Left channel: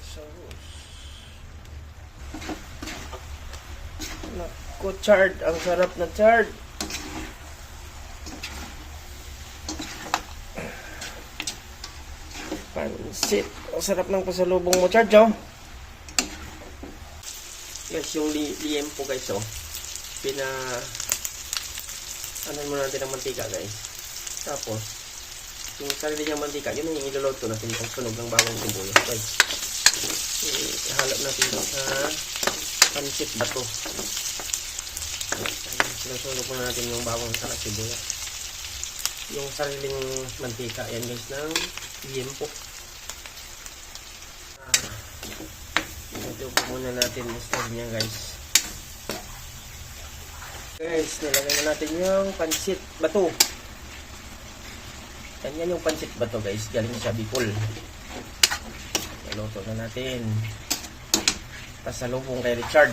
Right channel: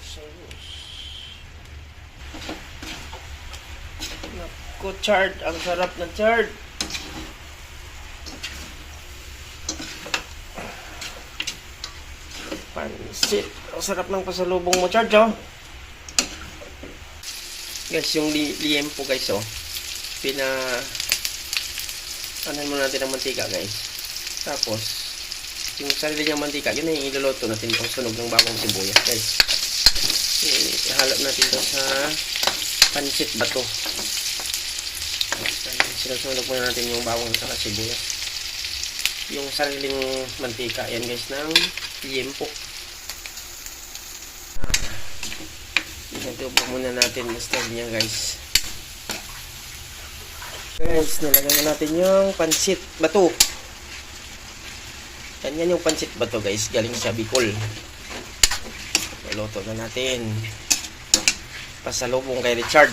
Sauce. Naku, chard. Ang sarap na chard. Pansit. Ang sarap ng pasalubong mo, chard, oh. Guys, yung liempo, guys, oh. Anan mo natin ang mantika, guys. Tapos, yung sarili niyang mantika, yun yung iluluto natin pang sunog ng bawang sibuyas, guys. Ihalap natin ito sa pansit bato. Sinusunog muna natin yung bawang sa sibuyas. Yung sariling mantika, yan guys, ng liempo. Ito po muna natin basta niya, guys. Guys, nalagay na natin yung pansit bato. Ganyan yung pansit bato, guys, galing sa Bicol. Iluto na natin. Pasalubong kay Richard.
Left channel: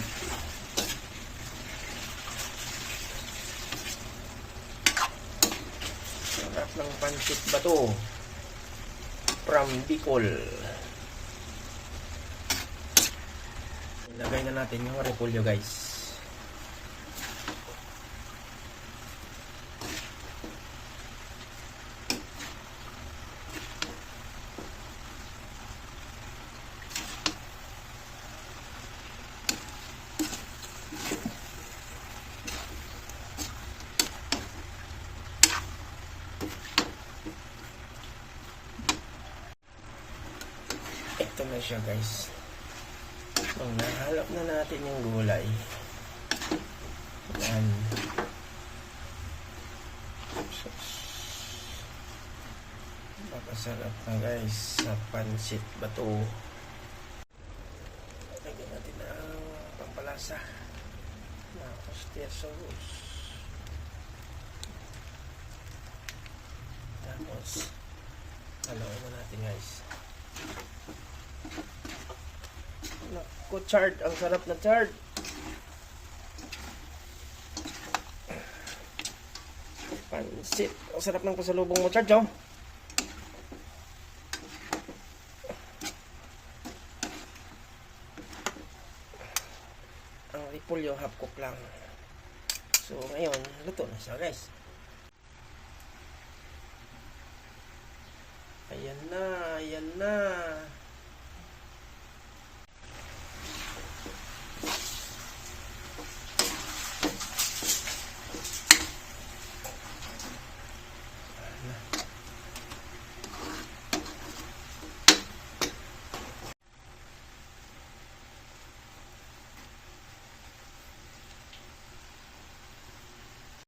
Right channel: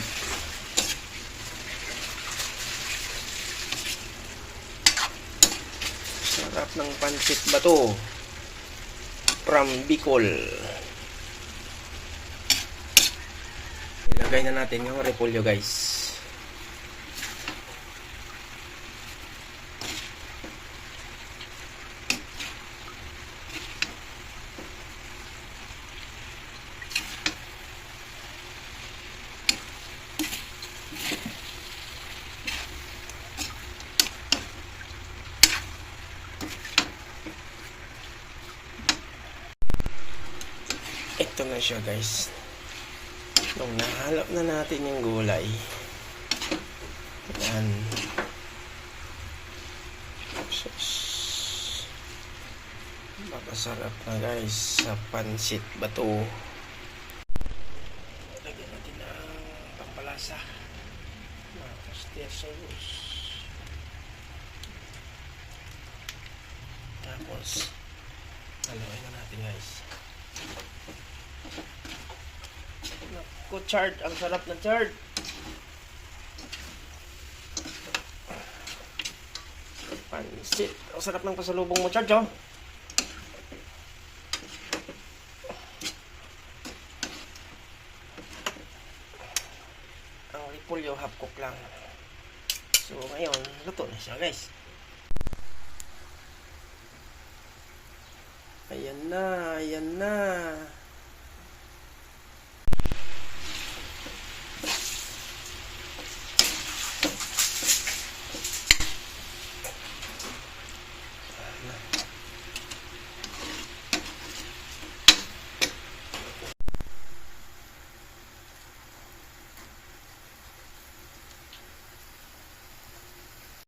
Sarap ng pansit bato from Bicol. Ilagay na natin yung repolyo, guys. Ito na siya, guys. Nung nahalap na natin yung gulay, yan, makasarap na, guys, sa pansit bato. Lagyan natin ang pampalasa na sauce. Tapos haluin na natin, guys. Naku, chard. Ang sarap na chard. Pansit. Ang sarap ng pasalubong mo, chard, oh. Ang repolyo, half cook lang. So, ngayon, luto na siya, guys. Ayan na, ayan na.